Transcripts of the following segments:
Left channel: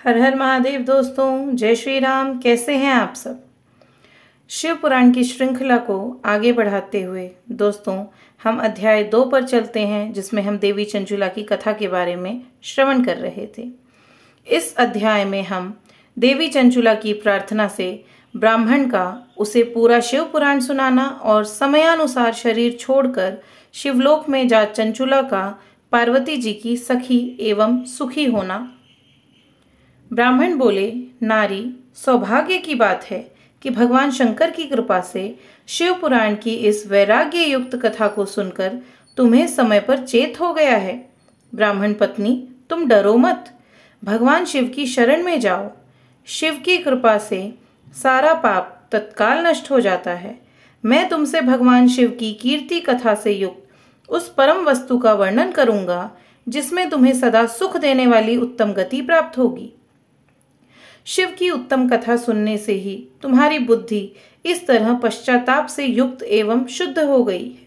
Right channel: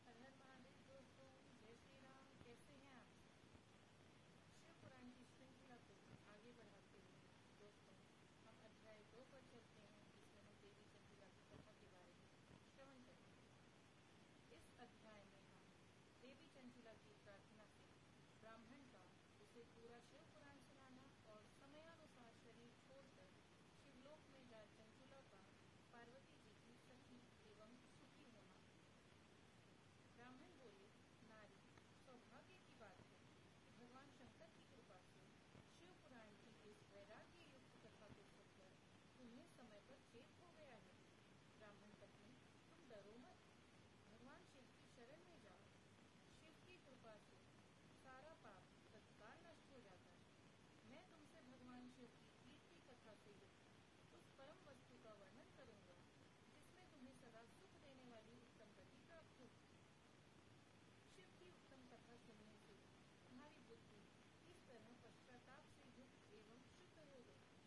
हर हर महादेव दोस्तों, जय श्री राम। कैसे हैं आप सब। शिव पुराण की श्रृंखला को आगे बढ़ाते हुए दोस्तों हम अध्याय 2 पर चलते हैं, जिसमें हम देवी चंचुला की कथा के बारे में श्रवण कर रहे थे। इस अध्याय में हम देवी चंचुला की प्रार्थना से ब्राह्मण का उसे पूरा शिव पुराण सुनाना और समयानुसार शरीर छोड़कर शिवलोक में जा चंचुला का पार्वती जी की सखी एवं सुखी होना। ब्राह्मण बोले, नारी, सौभाग्य की बात है कि भगवान शंकर की कृपा से शिव पुराण की इस वैराग्य युक्त कथा को सुनकर तुम्हें समय पर चेत हो गया है। ब्राह्मण पत्नी, तुम डरो मत, भगवान शिव की शरण में जाओ। शिव की कृपा से सारा पाप तत्काल नष्ट हो जाता है। मैं तुमसे भगवान शिव की कीर्ति कथा से युक्त उस परम वस्तु का वर्णन करूंगा जिसमें तुम्हें सदा सुख देने वाली उत्तम गति प्राप्त होगी। शिव की उत्तम कथा सुनने से ही तुम्हारी बुद्धि इस तरह पश्चाताप से युक्त एवं शुद्ध हो गई है।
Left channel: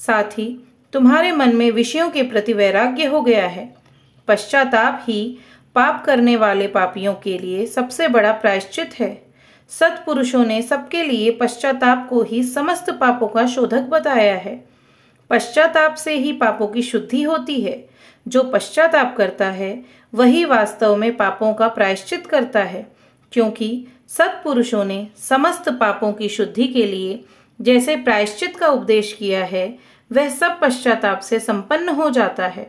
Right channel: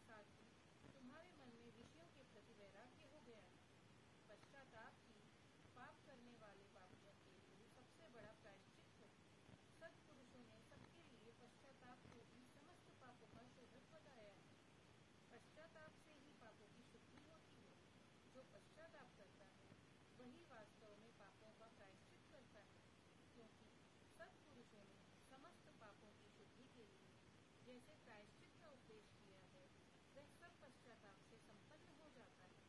साथ ही तुम्हारे मन में विषयों के प्रति वैराग्य हो गया है। पश्चाताप ही पाप करने वाले पापियों के लिए सबसे बड़ा प्रायश्चित है। सत्पुरुषों ने सबके लिए पश्चाताप को ही समस्त पापों का शोधक बताया है। पश्चाताप से ही पापों की शुद्धि होती है। जो पश्चाताप करता है वही वास्तव में पापों का प्रायश्चित करता है, क्योंकि सत्पुरुषों ने समस्त पापों की शुद्धि के लिए जैसे प्रायश्चित का उपदेश किया है, वह सब पश्चाताप से संपन्न हो जाता है।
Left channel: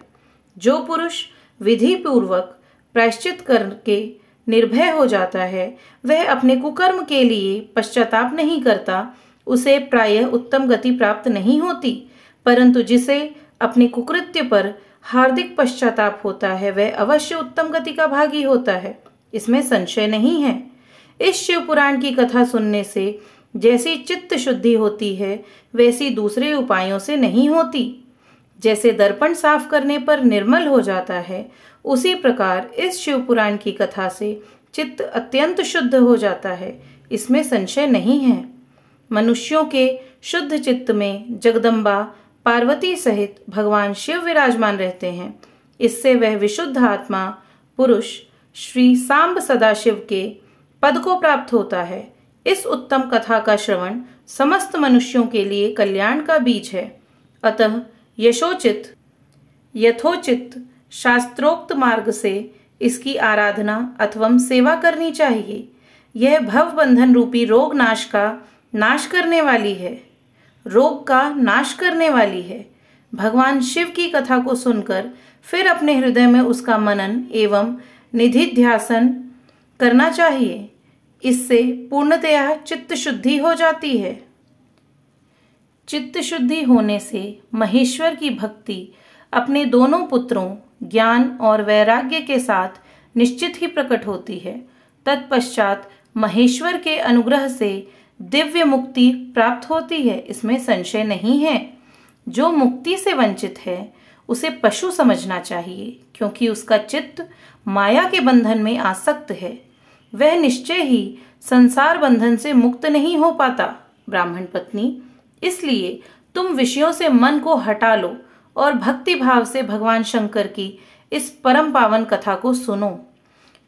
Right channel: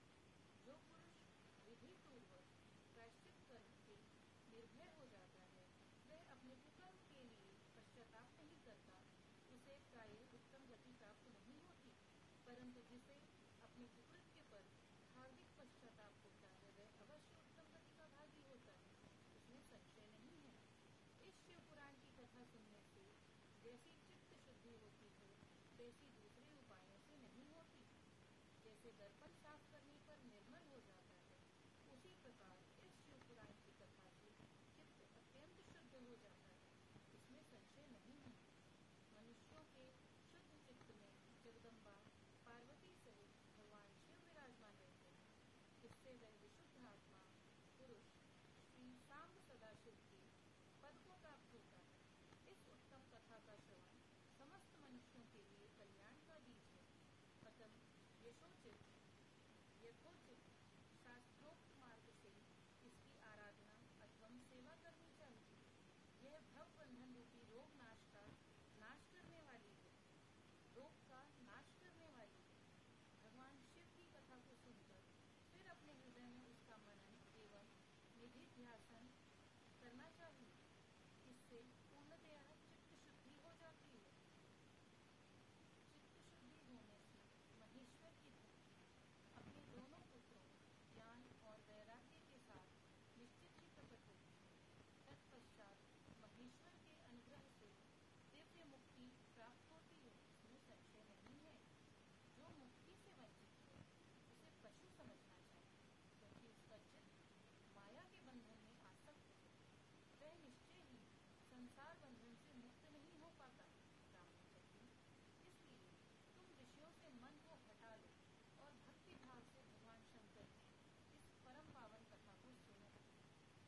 जो पुरुष विधि पूर्वक प्रायश्चित करके निर्भय हो जाता है, वह अपने कुकर्म के लिए पश्चाताप नहीं करता। उसे प्रायः उत्तम गति प्राप्त नहीं होती, परंतु जिसे अपने कुकृत्य पर हार्दिक पश्चाताप होता है, वह अवश्य उत्तम गति का भागी होता है। इसमें संशय नहीं है। इस शिव पुराण की कथा सुनने से जैसी चित्त शुद्धि होती है, वैसी दूसरे उपायों से नहीं होती। जैसे दर्पण साफ करने पर निर्मल हो जाता है, उसी प्रकार इस शिव पुराण की कथा से चित्त अत्यंत शुद्ध हो जाता है। इसमें संशय नहीं है। मनुष्यों के शुद्ध चित्त में जगदम्बा पार्वती सहित भगवान शिव विराजमान रहते हैं। इससे वह विशुद्ध आत्मा पुरुष श्री सांब सदाशिव के पद को प्राप्त होता है। इस उत्तम कथा का श्रवण समस्त मनुष्यों के लिए कल्याण का बीज है। अतः यथोचित शास्त्रोक्त मार्ग से इसकी आराधना अथवा सेवा करनी चाहिए। यह भव बंधन रूपी रोग का नाश करने वाली है। भगवान शिव की कथा को सुनकर फिर अपने हृदय में उसका मनन एवं निधिध्यासन करना चाहिए। इससे पूर्णतया चित्त शुद्धि हो जाती है। चित्त शुद्धि होने से महेश्वर की भक्ति अपने दोनों पुत्रों ज्ञान और वैराग्य के साथ निश्चित ही प्रकट होती है। तत्पश्चात महेश्वर के अनुग्रह से दिव्य मुक्ति प्राप्त होती है। इसमें संशय नहीं है। जो मुक्ति से वंचित है उसे पशु समझना चाहिए, क्योंकि उसका चित्त माया के बंधन में आसक्त है। वह निश्चय ही संसार बंधन से मुक्त नहीं हो पाता। ब्राह्मण पत्नी, इसलिए तुम विषयों से मन को हटा लो और भक्ति भाव से भगवान शंकर की इस परम पावन कथा को सुनो।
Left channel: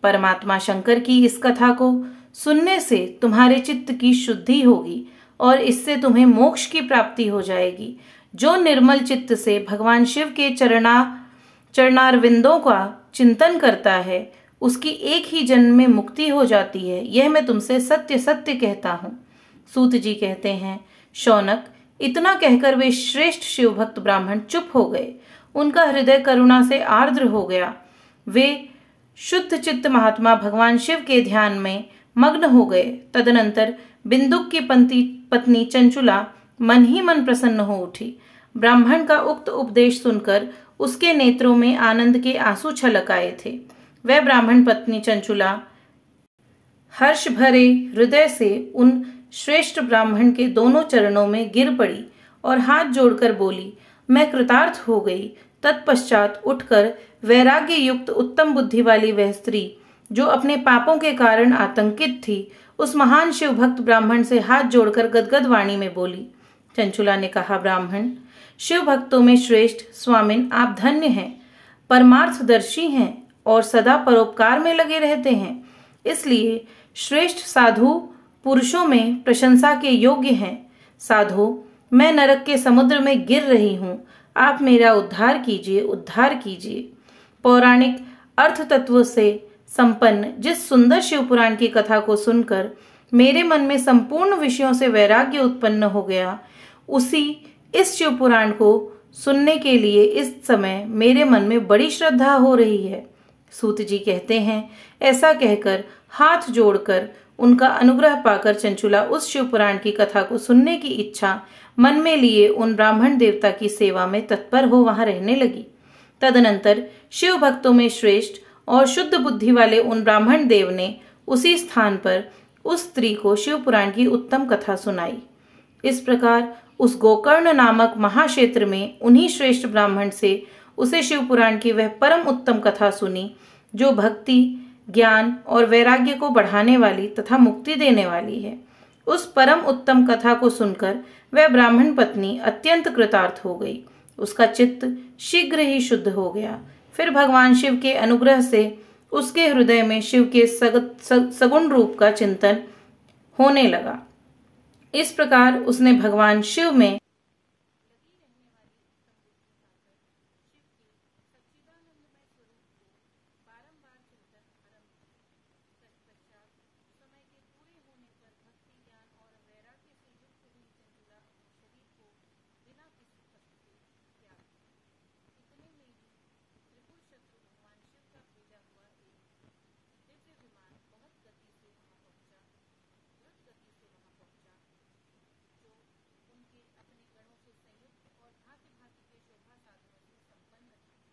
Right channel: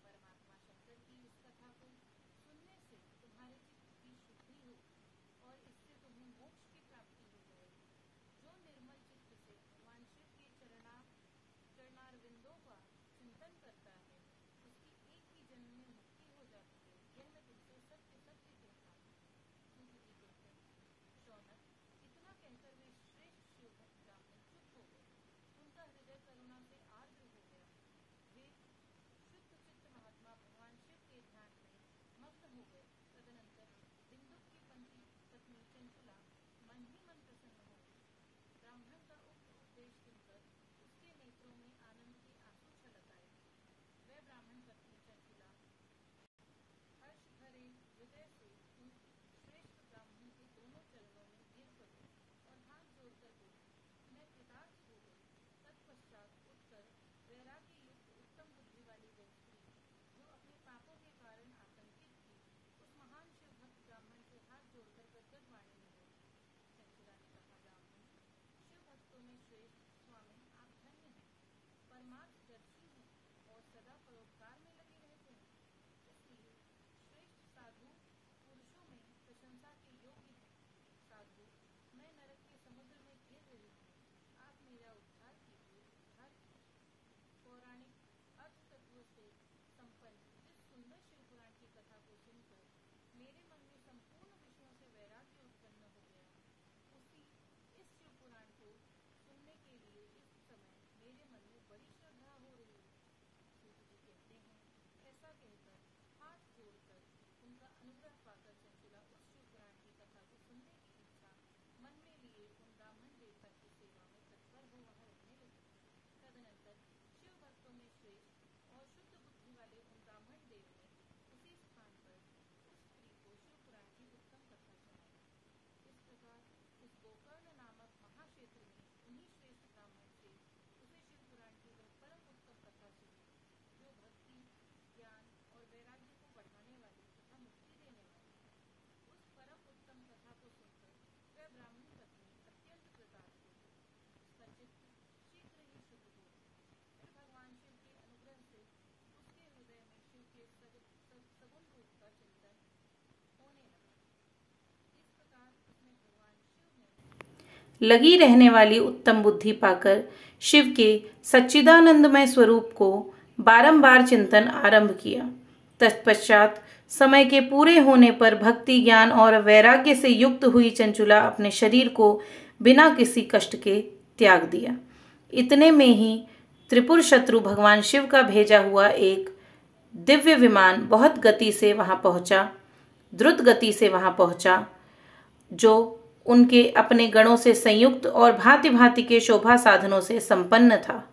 परमात्मा शंकर की इस कथा को सुनने से तुम्हारे चित्त की शुद्धि होगी और इससे तुम्हें मोक्ष की प्राप्ति हो जाएगी। जो निर्मल चित्त से भगवान शिव के चरणारविंदों का चिंतन करता है, उसकी एक ही जन्म में मुक्ति हो जाती है। यह मैं तुमसे सत्य सत्य कहता हूँ। सूत जी कहते हैं, शौनक, इतना कहकर वे श्रेष्ठ शिव भक्त ब्राह्मण चुप हो गए। उनका हृदय करुणा से आर्द्र हो गया। वे शुद्ध चित्त महात्मा भगवान शिव के ध्यान में मग्न हो गए। तदनंतर बिंदुक की पत्नी चंचुला मन ही मन प्रसन्न हो उठी। ब्राह्मण का उक्त उपदेश सुनकर उसके नेत्रों में आनंद के आंसू छलक आए थे। वह ब्राह्मण पत्नी चंचुला हर्ष भरे हृदय से उन श्रेष्ठ ब्राह्मण के दोनों चरणों में गिर पड़ी और हाथ जोड़कर बोली, मैं कृतार्थ हो गई। तत्पश्चात उठकर वैराग्य युक्त उत्तम बुद्धि वाली वह स्त्री, जो अपने पापों के कारण आतंकित थी, उस महान शिव भक्त ब्राह्मण से हाथ जोड़कर गदगद वाणी में बोली। चंचुला ने कहा, ब्राह्मण, शिव भक्तों में श्रेष्ठ स्वामिन, आप धन्य हैं, परमार्थदर्शी हैं। और सदा परोपकार में लगे रहते हैं, इसलिए श्रेष्ठ साधु पुरुषों में प्रशंसा के योग्य हैं। साधो, मैं नरक के समुद्र में गिर रही हूँ, आप मेरा उद्धार कीजिए, उद्धार कीजिए। पौराणिक अर्थ तत्वों से संपन्न जिस सुंदर शिव पुराण की कथा को सुनकर मेरे मन में संपूर्ण विषयों से वैराग्य उत्पन्न हो गया, उसी इस शिव पुराण को सुनने के लिए इस समय मेरे मन में बड़ी श्रद्धा हो रही है। सूत जी कहते हैं, ऐसा कहकर हाथ जोड़कर उनका अनुग्रह पाकर चंचुला उस शिव पुराण की कथा को सुनने की इच्छा मन में लिए उन ब्राह्मण देवता की सेवा में तत्पर हो वहां रहने लगी। तदनंतर शिव भक्तों में श्रेष्ठ और शुद्ध बुद्धि वाले उन ब्राह्मण देव ने उसी स्थान पर उस स्त्री को शिव पुराण की उत्तम कथा सुनाई। इस प्रकार उस गोकर्ण नामक महाक्षेत्र में उन्हीं श्रेष्ठ ब्राह्मण से उसे शिव पुराण की वह परम उत्तम कथा सुनी, जो भक्ति, ज्ञान और वैराग्य को बढ़ाने वाली तथा मुक्ति देने वाली है। उस परम उत्तम कथा को सुनकर वह ब्राह्मण पत्नी अत्यंत कृतार्थ हो गई। उसका चित्त शीघ्र ही शुद्ध हो गया। फिर भगवान शिव के अनुग्रह से उसके हृदय में शिव के सगुण रूप का चिंतन होने लगा। इस प्रकार उसने भगवान शिव में लगी रहने वाली उत्तम बुद्धि पाकर शिव के सच्चिदानंदमय स्वरूप को बारंबार चिंतन आरंभ किया। तत्पश्चात समय के पूरे होने पर भक्ति, ज्ञान और वैराग्य से युक्त हुई चंचुला अपने शरीर को बिना किसी कष्ट के त्याग दिया। इतने में ही त्रिपुर शत्रु भगवान शिव का भेजा हुआ एक दिव्य विमान बहुत गति से वहां पहुंचा, द्रुत गति से वहां पहुंचा, जो उनके अपने गणों से संयुक्त और भांति भांति के शोभा साधनों से संपन्न था।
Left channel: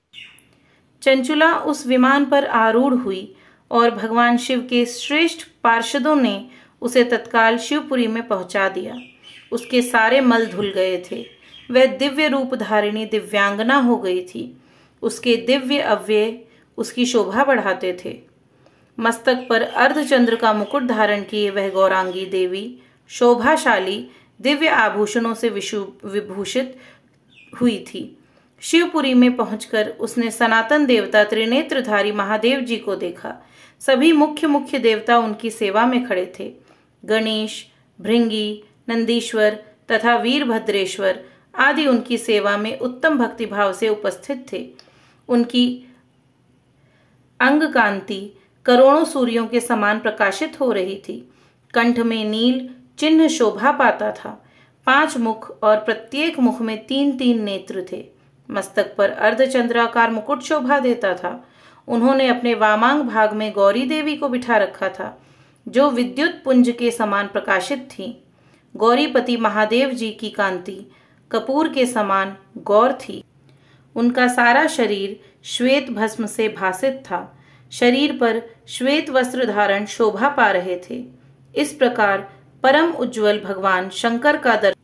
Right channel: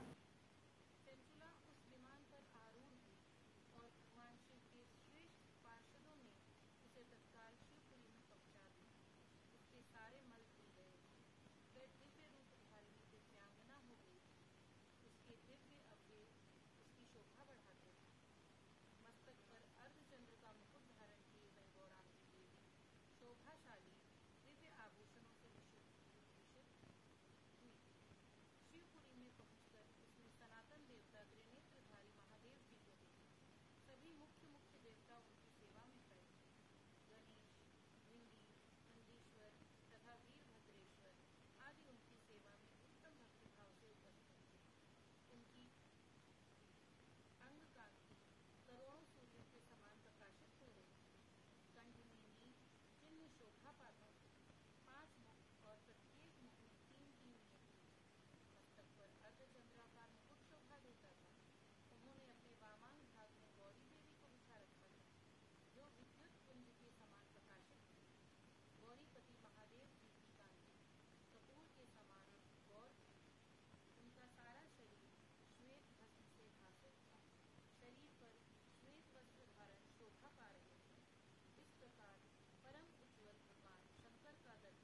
चंचुला उस विमान पर आरूढ़ हुई और भगवान शिव के श्रेष्ठ पार्षदों ने उसे तत्काल शिवपुरी में पहुंचा दिया। उसके सारे मल धुल गए थे। वह दिव्य रूप धारिणी दिव्यांगना हो गई थी। उसके दिव्य अव्यय उसकी शोभा बढ़ाते थे। मस्तक पर अर्धचंद्र का मुकुट धारण किए वह गौरांगी देवी शोभाशाली दिव्य आभूषणों से विभूषित हुई थी। शिवपुरी में पहुंचकर उसने सनातन देवता त्रिनेत्रधारी महादेव जी को देखा। सभी मुख्य देवता उनकी सेवा में खड़े थे। गणेश, भृंगी, नंदीश्वर तथा वीरभद्रेश्वर आदि उनकी सेवा में उत्तम भक्तिभाव से उपस्थित थे। उनकी अंग कांति करोड़ों सूर्यों के समान प्रकाशित हो रही थी। कंठ में नील चिन्ह शोभा पाता था। 5 मुख और प्रत्येक मुख में 3-3 नेत्र थे। मस्तक पर अर्धचंद्राकार मुकुट शोभा देता था। उन्होंने अपने वामांग भाग में गौरी देवी को बिठा रखा था, जो विद्युत पुंज के समान प्रकाशित थी। गौरीपति महादेव जी की कांति कपूर के समान गौर थी। उनका सारा शरीर श्वेत भस्म से भासित था। शरीर पर श्वेत वस्त्र धारण शोभा पा रहे थे। इस प्रकार परम उज्ज्वल भगवान शंकर का दर्शन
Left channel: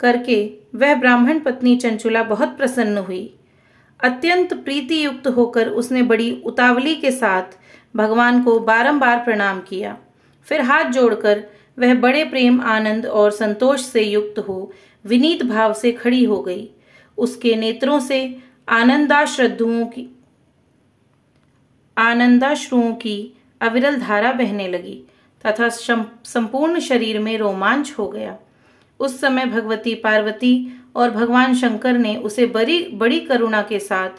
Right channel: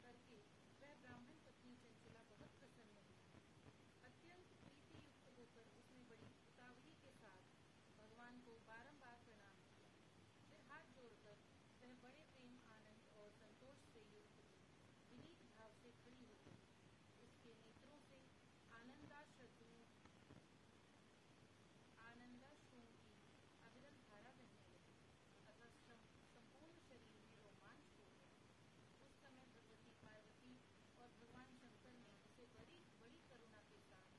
करके वह ब्राह्मण पत्नी चंचुला बहुत प्रसन्न हुई। अत्यंत प्रीति युक्त होकर उसने बड़ी उतावली के साथ भगवान को बारंबार प्रणाम किया। फिर हाथ जोड़कर वह बड़े प्रेम, आनंद और संतोष से युक्त हो विनीत भाव से खड़ी हो गई। उसके नेत्रों से आनंदाश्रुओं की अविरल धारा बहने लगी तथा संपूर्ण शरीर में रोमांच हो गया। उस समय भगवती पार्वती और भगवान शंकर ने उसे बड़ी करुणा के साथ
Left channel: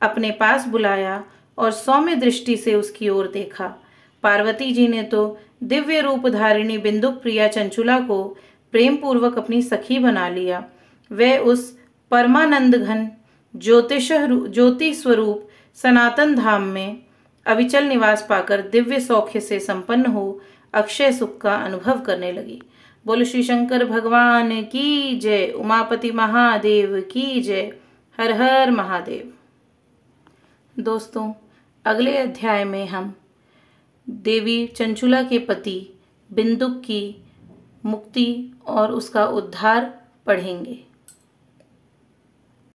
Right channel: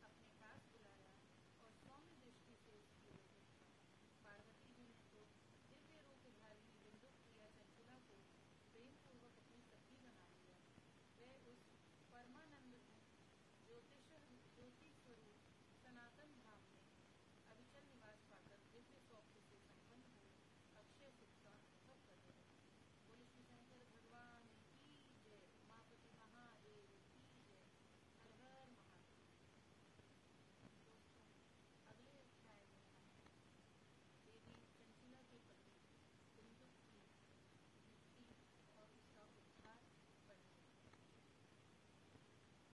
अपने पास बुलाया और सौम्य दृष्टि से उसकी ओर देखा। पार्वती जी ने तो दिव्य रूप धारिणी बिंदुक प्रिया चंचुला को प्रेम पूर्वक अपनी सखी बना लिया। वह उस परमानंद घन ज्योति स्वरूप सनातन धाम में अविचल निवास पाकर दिव्य सौख्य से संपन्न हो अक्षय सुख का अनुभव करने लगी। बोलो श्री शंकर भगवान की जय। उमापति महादेव की जय। हर हर महादेव। दोस्तों, अगले अध्याय में हम देवी चंचुला के पति बिंदुक की मुक्ति और उसका उद्धार पढ़ेंगे।